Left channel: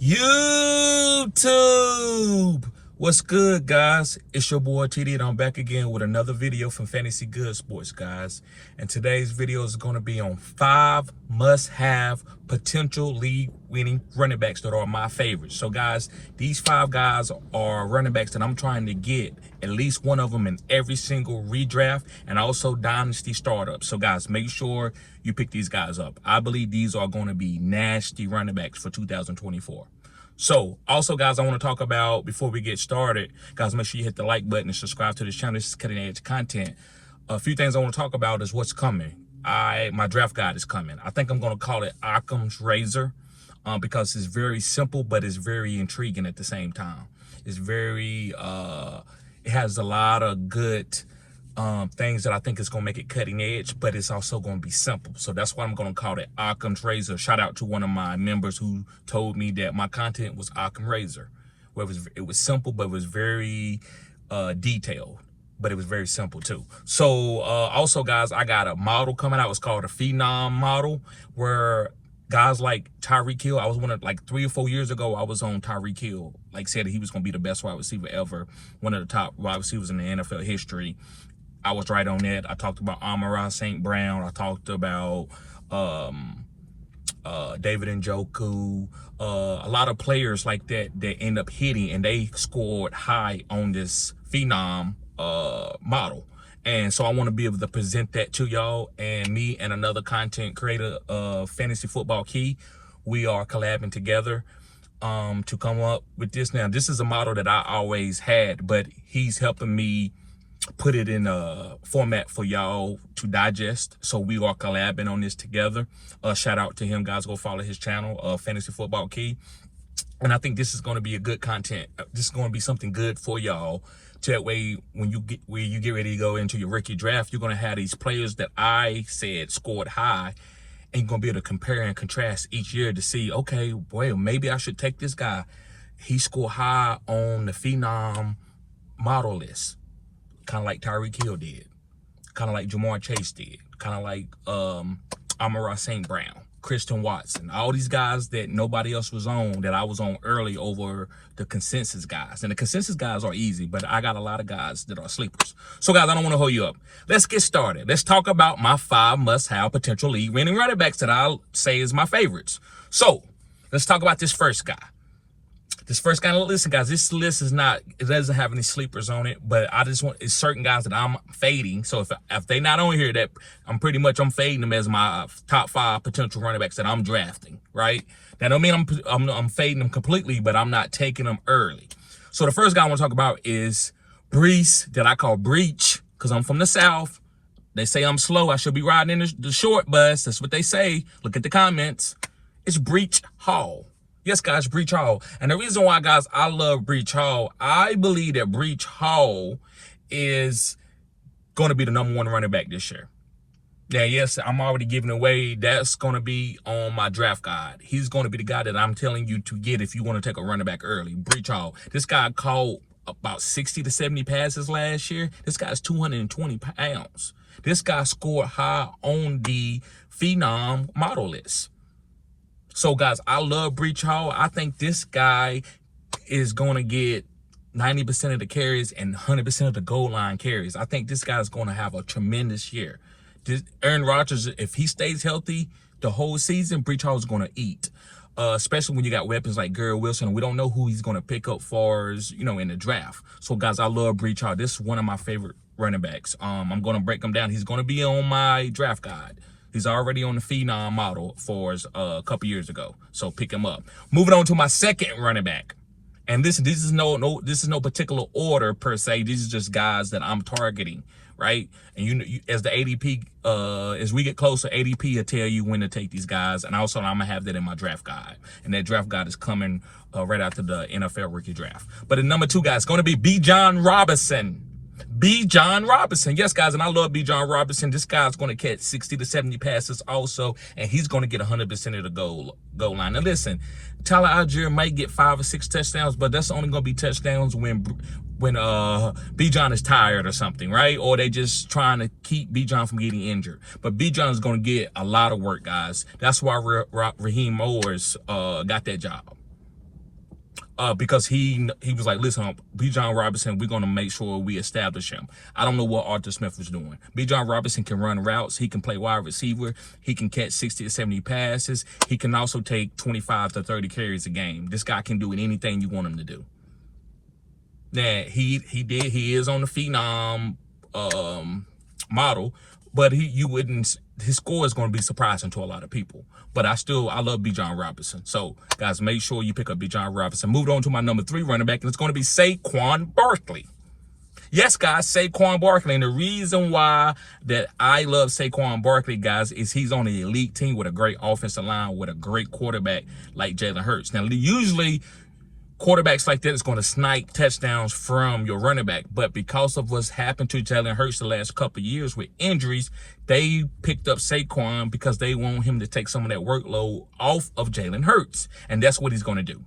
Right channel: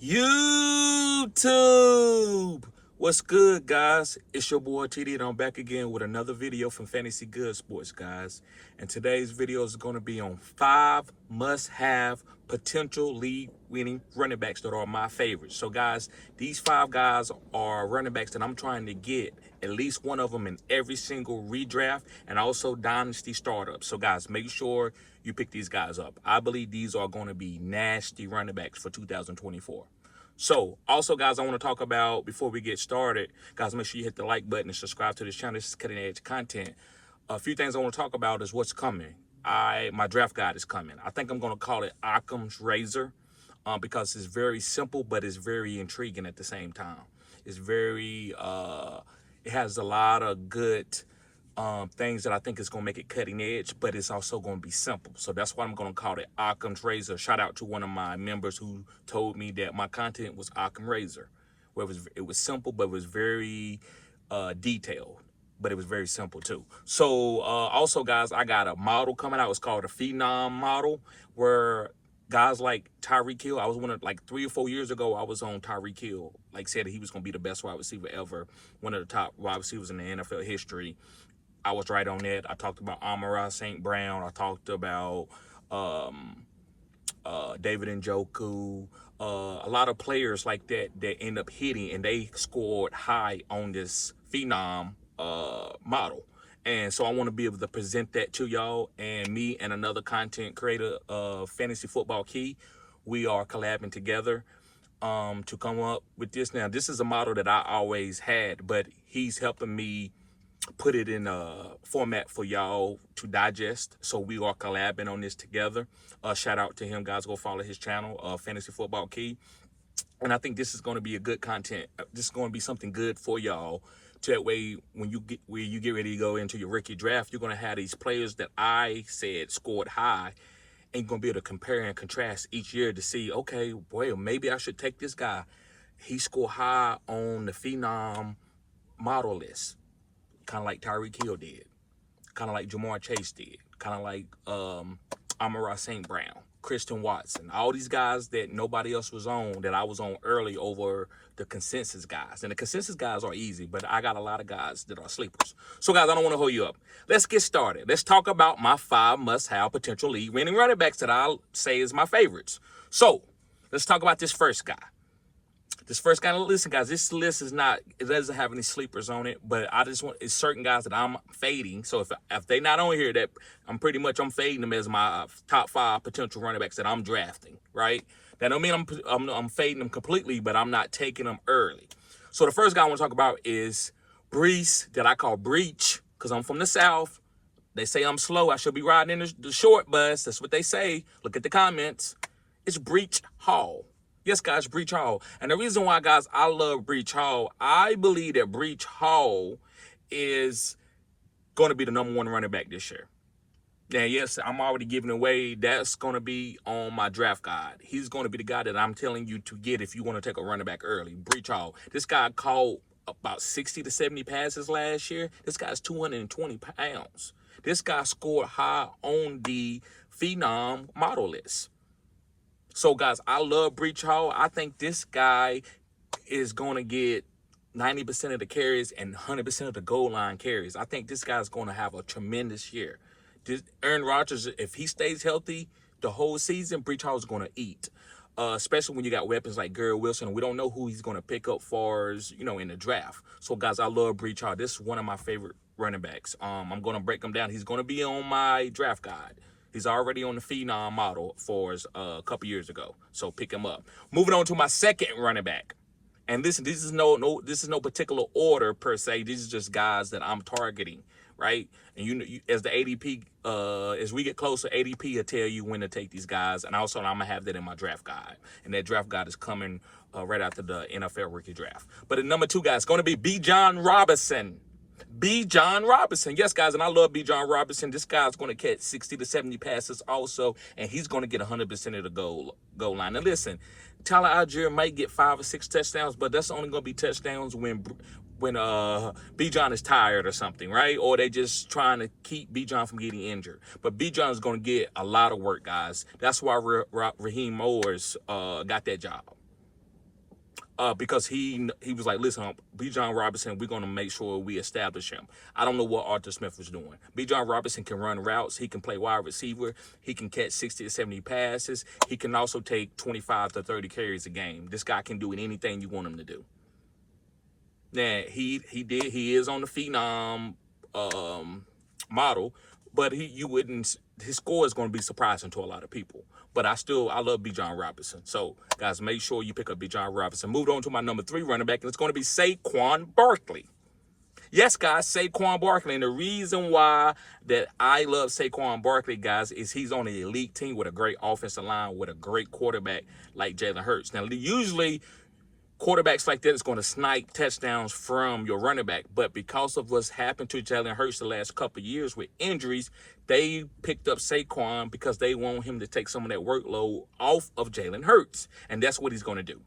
YouTube. What's good, guys? It's your boy TD, and I'm back again with another video from Fantasy Good Sports, guys. And today's video is going to be on 5 must-have potential league-winning running backs that are my favorites. So, guys, these 5 guys are running backs that I'm trying to get at least one of them in every single redraft and also dynasty startup. So, guys, make sure you pick these guys up. I believe these are going to be nasty running backs for 2024. So, also, guys, I want to talk about, before we get started, guys, make sure you hit the like button and subscribe to this channel. This is cutting edge content. A few things I want to talk about is what's coming. My draft guide is coming. I think I'm going to call it Occam's Razor because it's very simple, but it's very intriguing at the same time. It's very, it has a lot of good things that I think is going to make it cutting edge, but it's also going to be simple. So that's why I'm going to call it Occam's Razor. Shout out to one of my members who told me that my content was Occam's Razor, where it was simple, but it was very detailed, but it was very simple too. So also, guys, I got a model coming out. It's called a Phenom model, where guys like Tyreek Hill, I was like 3 or 4 years ago, I was on Tyreek Hill, like said he was going to be the best wide receiver ever, one of the top wide receivers in the NFL history. I was right on it. I talked about Amon-Ra St. Brown. I talked about David Njoku. A lot of players like that end up hitting, and they scored high on this Phenom model. And so I want to be able to present that to y'all. And me and another content creator, Fantasy Football Key, we are collabing together to come up with this. Now, this is a model that I always had, but he's helping me put it in a format for y'all to digest. So we are collabing on this together. Shout out to him, guys. Go follow his channel, Fantasy Football Key. And I think this is going to be a good content. This is going to be something good for y'all. So that way, when you get ready to go into your rookie draft, you're going to have these players that I said scored high, and you're going to be able to compare and contrast each year to see, okay, well, maybe I should take this guy. He scored high on the Phenom model list, kind of like Tyreek Hill did, kind of like Ja'Marr Chase did, kind of like Amon-Ra St. Brown, Christian Watson, all these guys that nobody else was on, that I was on early over the consensus guys. And the consensus guys are easy, but I got a lot of guys that are sleepers. So, guys, I don't want to hold you up. Let's get started. Let's talk about my 5 must-have potential league-winning running backs that I'll say is my favorites. So, let's talk about this first guy. This first guy, listen, guys, this list is not, it doesn't have any sleepers on it, but I just want, it's certain guys that I'm fading. So if they not on here, that I'm fading them as my top 5 potential running backs that I'm drafting, right? That don't mean I'm fading them completely, but I'm not taking them early. So the first guy I want to talk about is Breece, that I call Breech, because I'm from the South. They say I'm slow. I should be riding in the short bus. That's what they say. Look at the comments. It's Breece Hall. Yes, guys, Breece Hall. And the reason why, guys, I love Breece Hall, I believe that Breece Hall is going to be the #1 running back this year. Now, yes, I'm already giving away. That's going to be on my draft guide. He's going to be the guy that I'm telling you to get if you want to take a running back early. Breece Hall. This guy caught about 60 to 70 passes last year. This guy's 220 pounds. This guy scored high on the Phenom model list. So, guys, I love Breece Hall. I think this guy is going to get 90% of the carries and 100% of the goal line carries. I think this guy's going to have a tremendous year. Aaron Rodgers, if he stays healthy the whole season, Breece Hall is going to eat, especially when you got weapons like Garrett Wilson. We don't know who he's going to pick up for us, in the draft. So, guys, I love Breece Hall. This is one of my favorite running backs. I'm going to break him down. He's going to be on my draft guide. He's already on the Phenom model for us a couple years ago, so pick him up. Moving on to my second running back, and this is no particular order per se. These are just guys that I'm targeting, right? And you as the ADP, as we get closer, ADP will tell you when to take these guys, and also I'm gonna have that in my draft guide, and that draft guide is coming right after the NFL rookie draft. But the #2 guy is going to be Bijan Robinson. Bijan Robinson. Yes, guys, and I love Bijan Robinson. This guy's going to catch 60 to 70 passes also, and he's going to get 100% of the goal line. Now, listen, Tyler Algier might get 5 or 6 touchdowns, but that's only going to be touchdowns when Bijan is tired or something, right? Or they just trying to keep Bijan from getting injured. But Bijan is going to get a lot of work, guys. That's why Raheem Morris got that job. because he was like, listen, Bijan Robinson, we're going to make sure we establish him. I don't know what Arthur Smith was doing. Bijan Robinson can run routes. He can play wide receiver. He can catch 60 to 70 passes. He can also take 25 to 30 carries a game. This guy can do anything you want him to do. Now, he is on the phenom model, but his score is going to be surprising to a lot of people. But I love Bijan Robinson. So, guys, make sure you pick up Bijan Robinson. Moved on to my number 3 running back, and it's going to be Saquon Barkley. Yes, guys, Saquon Barkley. And the reason why that I love Saquon Barkley, guys, is he's on an elite team with a great offensive line, with a great quarterback like Jalen Hurts. Now, usually quarterbacks like that is going to snipe touchdowns from your running back. But because of what's happened to Jalen Hurts the last couple of years with injuries, they picked up Saquon because they want him to take some of that workload off of Jalen Hurts. And that's what he's going to do.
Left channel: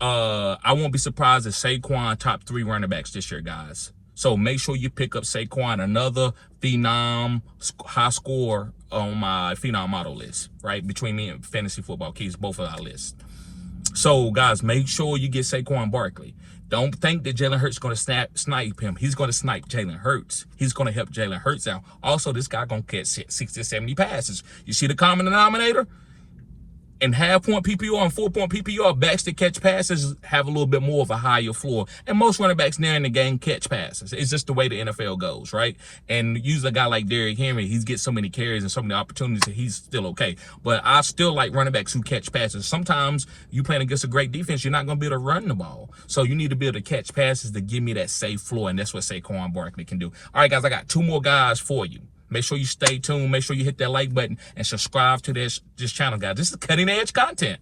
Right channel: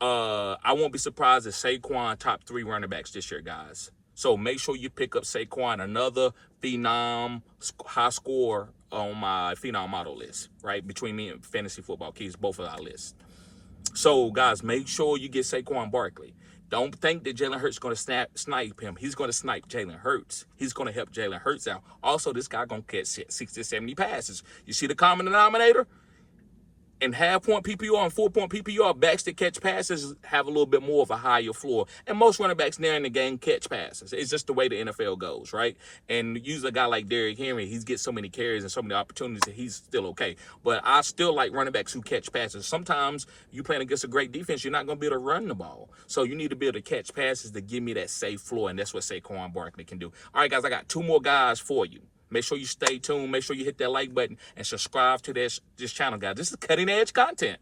I won't be surprised if Saquon top 3 running backs this year, guys. So make sure you pick up Saquon, another phenom high score on my phenom model list, right? Between me and Fantasy Football Keys, both of our lists. So, guys, make sure you get Saquon Barkley. Don't think that Jalen Hurts is going to snipe him. He's going to snipe Jalen Hurts. He's going to help Jalen Hurts out. Also, this guy going to catch 60 to 70 passes. You see the common denominator? In half-point PPR and 4-point PPR, backs that catch passes have a little bit more of a higher floor. And most running backs there in the game catch passes. It's just the way the NFL goes, right? And usually a guy like Derrick Henry, he gets so many carries and so many opportunities that he's still okay. But I still like running backs who catch passes. Sometimes you playing against a great defense, you're not going to be able to run the ball. So you need to be able to catch passes to give me that safe floor, and that's what Saquon Barkley can do. All right, guys, I got 2 more guys for you. Make sure you stay tuned. Make sure you hit that like button and subscribe to this channel, guys. This is cutting edge content.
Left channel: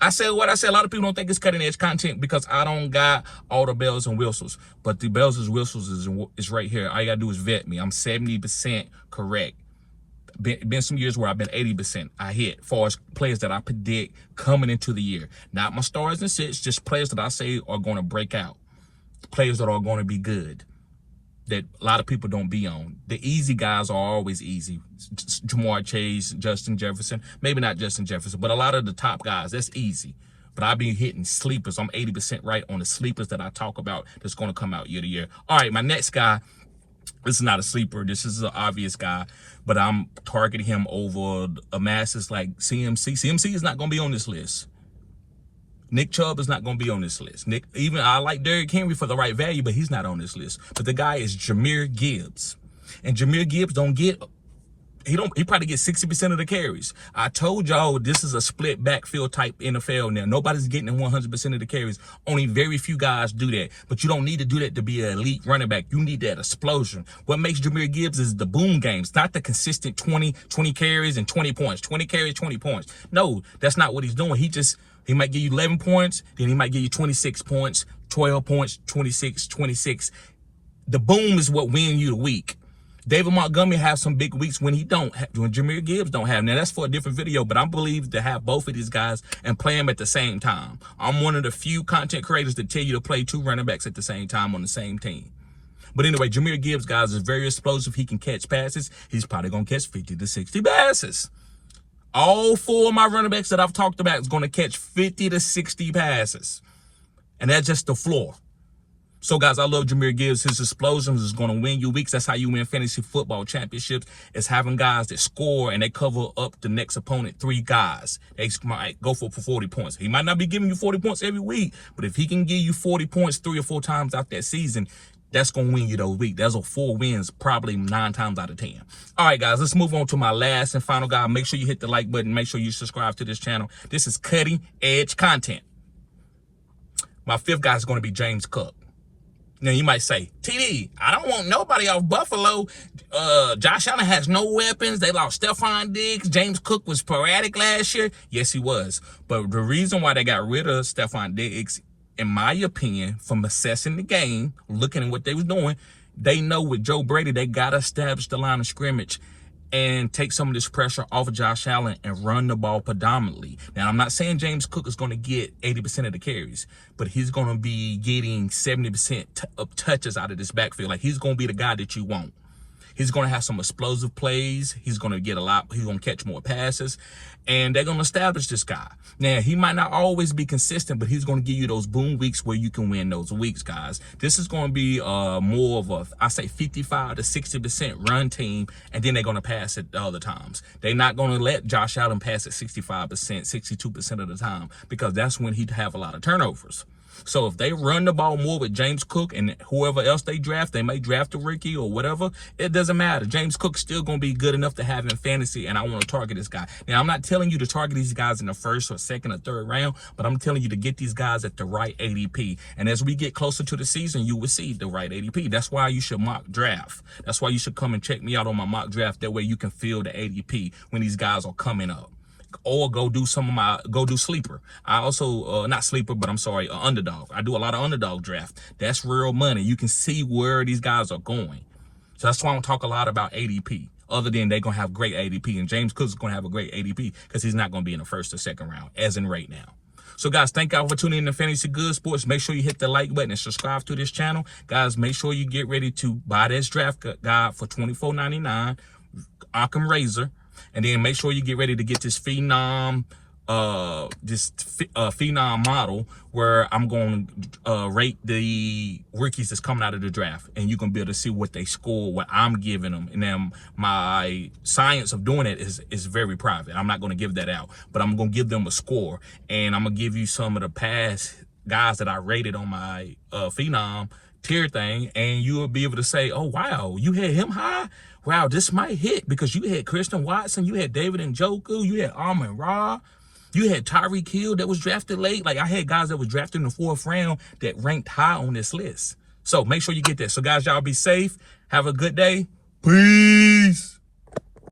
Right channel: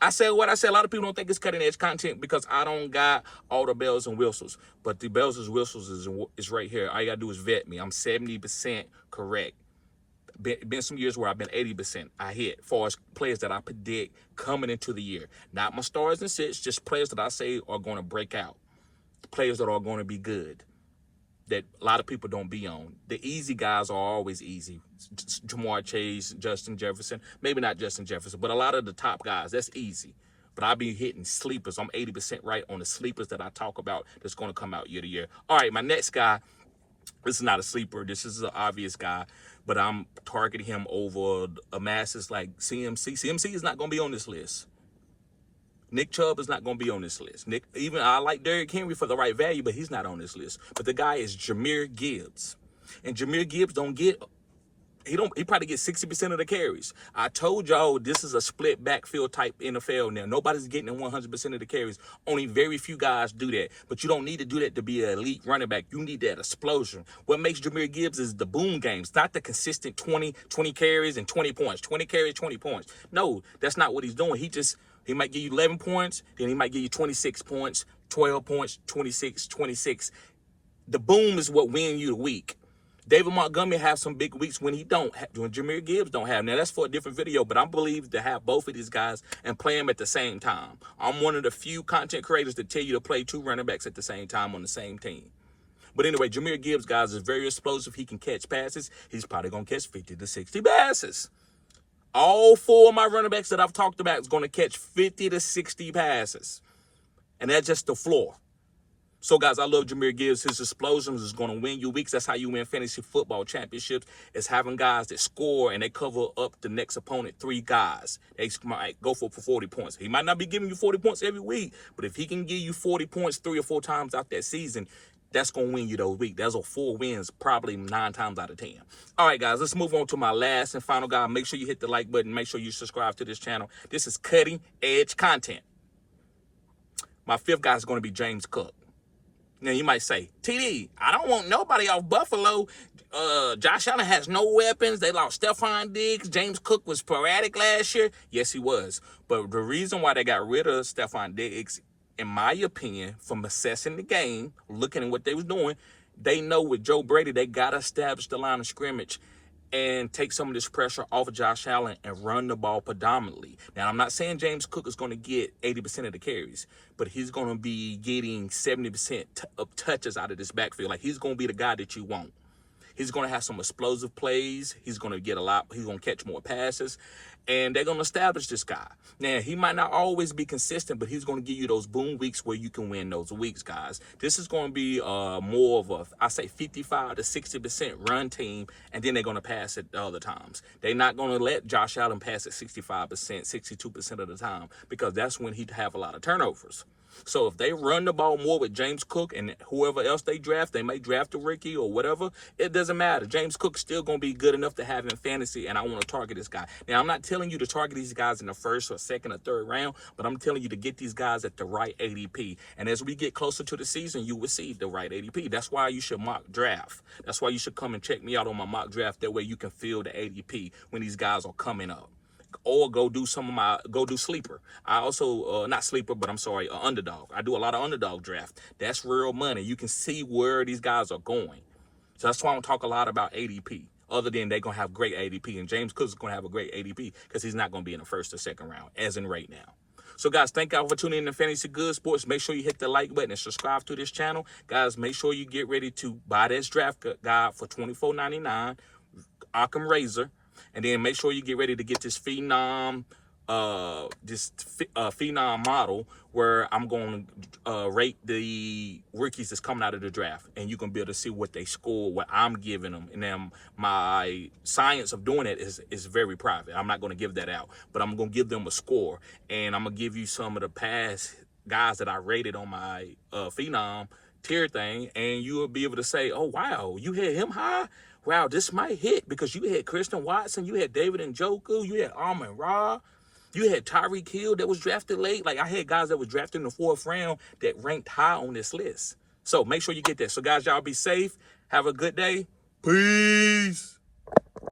I said what I said. A lot of people don't think it's cutting edge content because I don't got all the bells and whistles. But the bells and whistles is right here. All you got to do is vet me. I'm 70% correct. Been some years where I've been 80%. I hit as far as players that I predict coming into the year. Not my stars and sits, just players that I say are going to break out. Players that are going to be good, that a lot of people don't be on. The easy guys are always easy. Ja'Marr Chase, Justin Jefferson. Maybe not Justin Jefferson, but a lot of the top guys, that's easy. But I've been hitting sleepers. I'm 80% right on the sleepers that I talk about that's going to come out year to year. All right, my next guy, this is not a sleeper. This is an obvious guy, but I'm targeting him over a masses like CMC. CMC is not going to be on this list. Nick Chubb is not going to be on this list. I like Derrick Henry for the right value, but he's not on this list. But the guy is Jahmyr Gibbs. And Jahmyr Gibbs he probably gets 60% of the carries. I told y'all this is a split backfield type NFL now. Nobody's getting 100% of the carries. Only very few guys do that. But you don't need to do that to be an elite running back. You need that explosion. What makes Jahmyr Gibbs is the boom games, not the consistent 20 carries and 20 points. 20 carries, 20 points. No, that's not what he's doing. He might give you 11 points, then he might give you 26 points, 12 points, 26. The boom is what wins you the week. David Montgomery has some big weeks when Jahmyr Gibbs don't have. Now, that's for a different video, but I believe to have both of these guys and play them at the same time. I'm one of the few content creators that tell you to play 2 running backs at the same time on the same team. But anyway, Jahmyr Gibbs, guys, is very explosive. He can catch passes. He's probably going to catch 50 to 60 passes. All 4 of my running backs that I've talked about is going to catch 50 to 60 passes. And that's just the floor. So, guys, I love Jahmyr Gibbs. His explosions is going to win you weeks. That's how you win fantasy football championships. It's having guys that score and they cover up the next opponent 3 guys. They might go for 40 points. He might not be giving you 40 points every week, but if he can give you 40 points 3 or 4 times out that season, that's going to win you those weeks. That's a 4 wins, probably 9 times out of 10. All right, guys, let's move on to my last and final guy. Make sure you hit the like button. Make sure you subscribe to this channel. This is cutting edge content. My 5th guy is going to be James Cook. Now, you might say, TD, I don't want nobody off Buffalo. Josh Allen has no weapons. They lost Stephon Diggs. James Cook was sporadic last year. Yes, he was. But the reason why they got rid of Stephon Diggs, in my opinion, from assessing the game, looking at what they was doing, they know with Joe Brady, they got to establish the line of scrimmage and take some of this pressure off of Josh Allen and run the ball predominantly. Now, I'm not saying James Cook is going to get 80% of the carries, but he's going to be getting 70% of touches out of this backfield. Like, he's going to be the guy that you want. He's going to have some explosive plays. He's going to get a lot. He's going to catch more passes, and they're going to establish this guy. Now, he might not always be consistent, but he's going to give you those boom weeks where you can win those weeks, guys. This is going to be more of a, I say 55 to 60% run team, and then they're going to pass it the other times. They're not going to let Josh Allen pass it 65%, 62% of the time, because that's when he'd have a lot of turnovers. So if they run the ball more with James Cook and whoever else they draft, they may draft a rookie or whatever, it doesn't matter. James Cook's still going to be good enough to have in fantasy, and I want to target this guy. Now, I'm not telling you to target these guys in the first or second or third round, but I'm telling you to get these guys at the right ADP. And as we get closer to the season, you will see the right ADP. That's why you should mock draft. That's why you should come and check me out on my mock draft. That way you can feel the ADP when these guys are coming up. Or go do sleeper. I also, not sleeper, but I'm sorry, underdog. I do a lot of underdog draft. That's real money. You can see where these guys are going. So that's why I don't talk a lot about ADP, other than they're going to have great ADP. And James Cook's going to have a great ADP because he's not going to be in the first or second round, as in right now. So, guys, thank y'all for tuning in to Fantasy Good Sports. Make sure you hit the like button and subscribe to this channel. Guys, make sure you get ready to buy this draft guide for $24.99, Occam Razor. And then make sure you get ready to get this Phenom model where I'm going to rate the rookies that's coming out of the draft. And you're going to be able to see what they score, what I'm giving them. And then my science of doing it is very private. I'm not going to give that out. But I'm going to give them a score. And I'm going to give you some of the past guys that I rated on my Phenom tier thing. And you'll be able to say, oh, wow, you had him high? Wow, this might hit, because you had Christian Watson, you had David Njoku, you had Amon-Ra, you had Tyreek Hill that was drafted late. Like, I had guys that was drafted in the 4th round that ranked high on this list. So make sure you get that. So, guys, y'all be safe. Have a good day. Peace.